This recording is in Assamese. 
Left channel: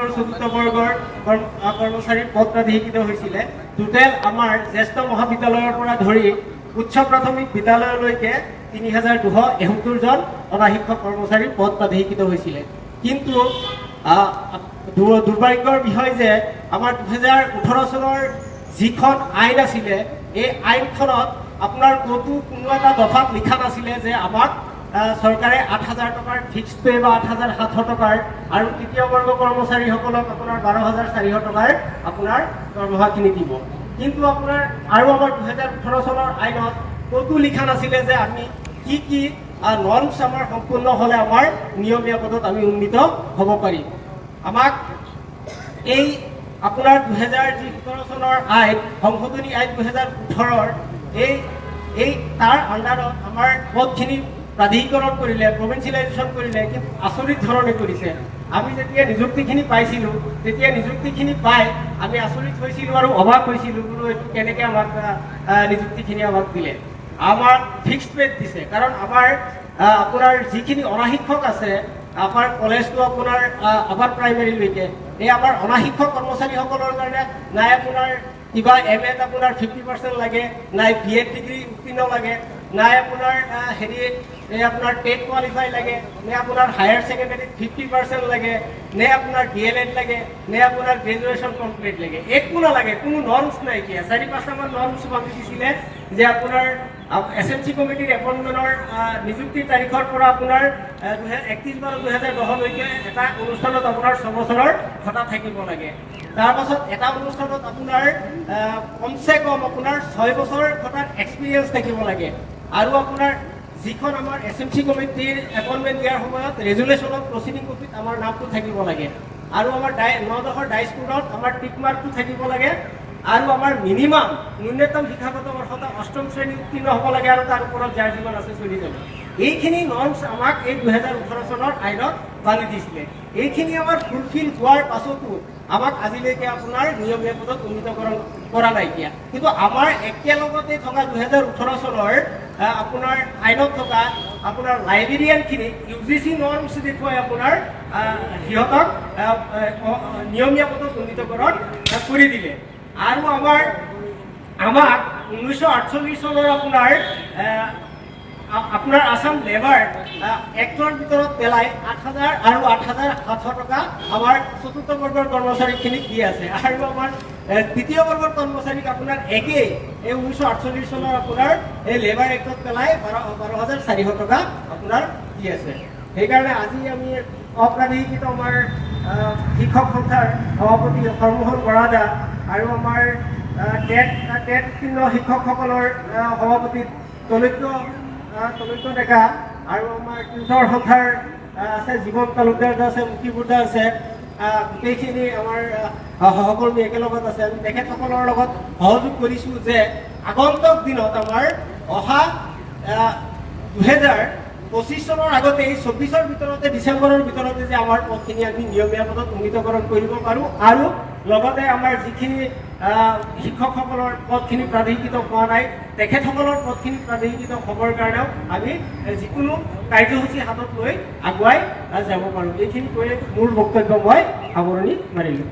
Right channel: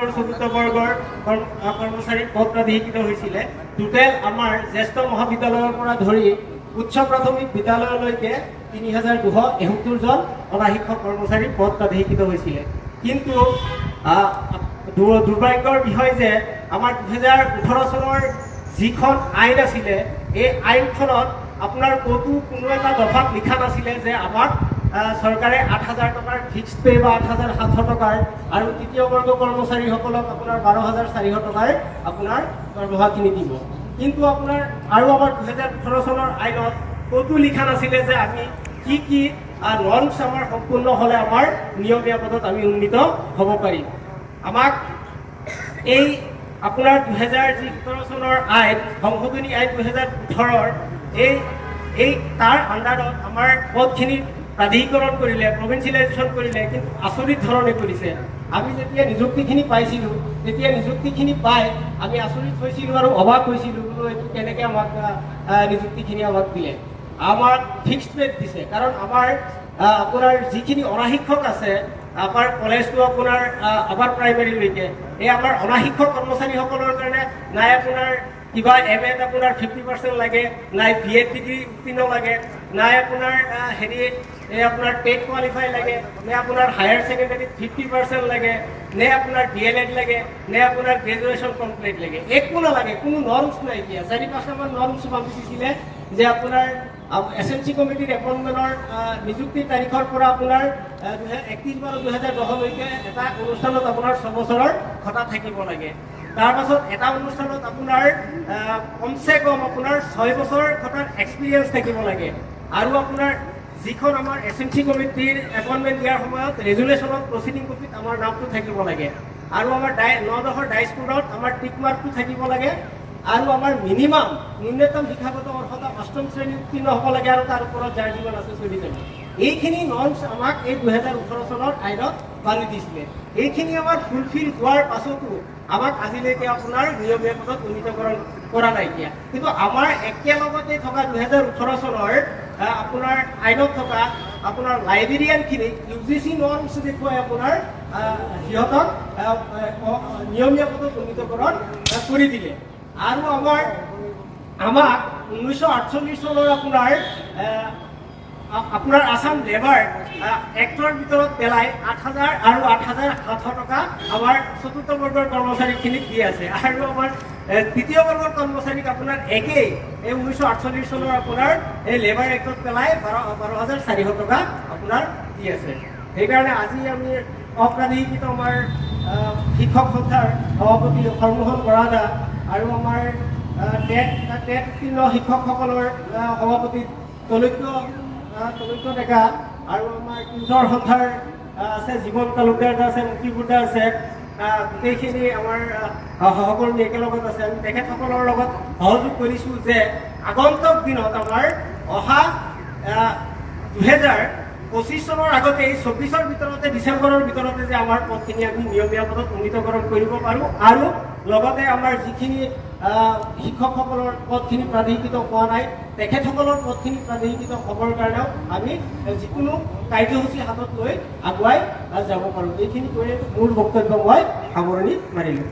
চতুৰ্থ বৰ্গৰ কৰ্মচাৰী পদ প্ৰাধিকৃত হৈছিলে। টোটেল আমাৰ জ্যেষ্ঠ মহাবিদ্যালয়ৰ পৰা ধৰি উচ্চ প্ৰাথমিক বিদ্যালয়লৈকে ৩,২৭১ জন অনা শিক্ষক কৰ্মচাৰী পদ প্ৰাধিকৃত হৈছিলে। কিন্তু দুৰ্ভাগ্যৰ বিষয় যে আমাৰ ২০১৮ চনৰ যিখন আইন আছিলে, এই আইনখনত আপোনাৰ কোনো এটা দফাত লিখা নাছিলে যে আমাক চৰকাৰে ৮,০০০ টকাৰ ফিক্সড পে বা ৮,৭০০ টকাৰ আৰু তৃতীয় বৰ্গ কৰ্মচাৰীসকলক আপোনাৰ ১২,৪০০ টকাৰ আপোনাৰ দৰমহাখিনি দিব। কিন্তু আপোনাৰ আৰু আমাৰ ২০১৮ চনৰ আইনত ক'তো লিখা নাছিলে যে আমি কি নৰ্মছ আমাৰ সম্পূৰ্ণ হ'লে আমাৰ নিয়মীয়া পদত আমি উন্নীত হ'ব পাৰিম। আমাক এই আপোনাৰ ২০১৭ চনৰ আইন সংশোধনী আইন ২০১৮ এই তাৰ আণ্ডাৰত আমাৰ পদখিনি প্ৰাধিকৰণ কৰিলে, প্ৰভিঞ্চিয়েলাইজেশ্যন কৰিলে, কিন্তু আচৰিত ধৰণে কৰিছে। আমি যেতিয়া নিযুক্তিখিনি পাইছিলোঁ, তেতিয়া নিযুক্তিখিনি পাই আমি আচৰিত হৈছিলোঁ আৰু অবাক হৈছিলোঁ, বোলো এইটো কেনেকৈ আমাক নিযুক্তিখিনি আমাক দিলে। আমাক ফিক্সড ৰেট দিছে, কাৰণ আমাৰ আপোনাৰ যিখিনি অনাশিক্ষক আছে, আমাৰ কলেজটো আপোনাৰ আপাৰ প্ৰাইমেৰীলৈকে, এই আমাৰ অনাশিক্ষক কৰ্মচাৰীসকলৰ কাৰণে নাই আপোনাৰ কিবা এম.এত আপোনাৰ 50% লাগে, নাই B.Ed ডিগ্ৰী উত্তীৰ্ণ লাগে, নাই আপোনাৰ আপোনাৰ টেট কোৱালিফাই লাগে, নে আপোনাৰ হায়াৰ ছেকেণ্ডেৰীত 50% লাগে, নে আপোনাৰ DLED লাগে, নে আপোনাৰ গ্ৰেজুৱেশ্যন কমপ্লিট লাগে, একো নালাগে, কোনো নৰ্মছ নাইকিয়া। ৪-৫টামান নৰ্মছ বান্ধি দিছিলে যে আপোনাৰ SMC কমিটিৰ এপইণ্টমেণ্টৰ নিযুক্তিৰ তাৰিখৰ পৰা আপোনাৰ 31/12/2010লৈকে এটা অনুষ্ঠানত আপোনাৰ 6 বছৰৰ ভত্তা থাকিব লাগে। তাৰপাছত এটা অনুষ্ঠানত আপোনাৰ কমচে কম আপোনাৰ 6 বছৰ ভত্তাৰ এক্সপিৰিয়েঞ্চ থাকিব লাগে। আৰু আপোনাৰ যিখন আমাৰ SMC কমিটিৰ এপইণ্টমেণ্ট দিয়াৰ সময়ত ৰেজুলেশ্যনত প্ৰচিডিং কপিত আমাৰ নামটো থাকিব লাগে। আৰু আমাৰ 9-10ৰ ডাইস্কোডত আমাৰ টিক মাৰ্কটো থাকিব লাগে। আৰু আমাৰ মিনিমাম ন্যূনতম শিক্ষাগত অৰ্হতা 8ম শ্ৰেণী উত্তীৰ্ণ হ'ব লাগে, আৰু তাৰ ওপৰত যাৰ জীৱন আছে 40 জন। এইখিনি নৰ্মছ আমাক এই ২০১৮ চনৰ আইনত বান্ধি দিছিলে। এইখিনি আমাৰ ফুলফিল হোৱাৰ পাছতো আমাক আজিলৈকে আপোনাৰ নিয়মীয়া পদত উন্নীতকৰণ কৰা নাইকিয়া। কিন্তু আমাৰ একেলগতে থকা ২০১৮ চনৰ আপোনাৰ আইনত থকা আপোনাৰ লাইব্ৰেৰিয়ানখিনিক UGC নৰ্মছ দেখুৱাই আপোনাৰ সিহঁতক নিয়মীয়া পদত উন্নীতকৰণ কৰি দিলে। আৰু আমাক 1948 চনৰ আপোনাৰ আছাম লেবাৰ এক্টৰ ভিতৰত পেলাই 8,000 আৰু 8,700 টকা আমাৰ চতুৰ্থ বৰ্গৰ কৰ্মচাৰীখিনিক দি আছে। আৰু আমাৰ তৃতীয় বৰ্গৰ কৰ্মচাৰীক আপোনাৰ একেই এই 1948 চনৰ আপোনাৰ এই লেবাৰ এক্টত পেলাই 12,400 টকা আপোনাৰ দি আছে। সেইকাৰণে আজি আমি অপ্ৰাধিকৃত আমাৰ শিক্ষক সন্থাৰ সভাপতি সৰ্বমোহন বৰাদা আৰু আমাৰ টেট উত্তীৰ্ণ শিক্ষকসকলৰ সভাপতি তলৈক্য ডেকা, আৰু আমাৰ টিউটৰ সন্থাৰ আছে জীৱন তালুকদাৰ আছে, মুক্তিবুদ্ধা আছে, গোটেইখিনি আমাৰ সহকৰ্মী একেলগত আছে। আমি তেখেতসকলৰ লগত সহযোগ কৰিছোঁ যে আগন্তুক দিনত আমাৰ অহা 2025 চনৰ আগতে 24ৰ ভিতৰতে, ডিচেম্বৰৰ ভিতৰতে যে আমাৰ পদখিনি আমি নিয়মীয়া পদত উন্নীতকৰণ কৰিব পাৰোঁ। আৰু লগতে আমাৰ যিখিনি শিক্ষকসকলৰ পদখিনি প্ৰাধিকৃত হোৱা নাই, তেখেতসকলৰ পদখিনি প্ৰাধিকৃত হ'বৰ কাৰণেও আমি যিকোনো কাৰ্যসূচী হাতত লৈ আগুৱাই যাব পাৰোঁ। এইখিনি কৈয়ে মোৰ বক্তব্য মই সামৰণি মাৰিলোঁ।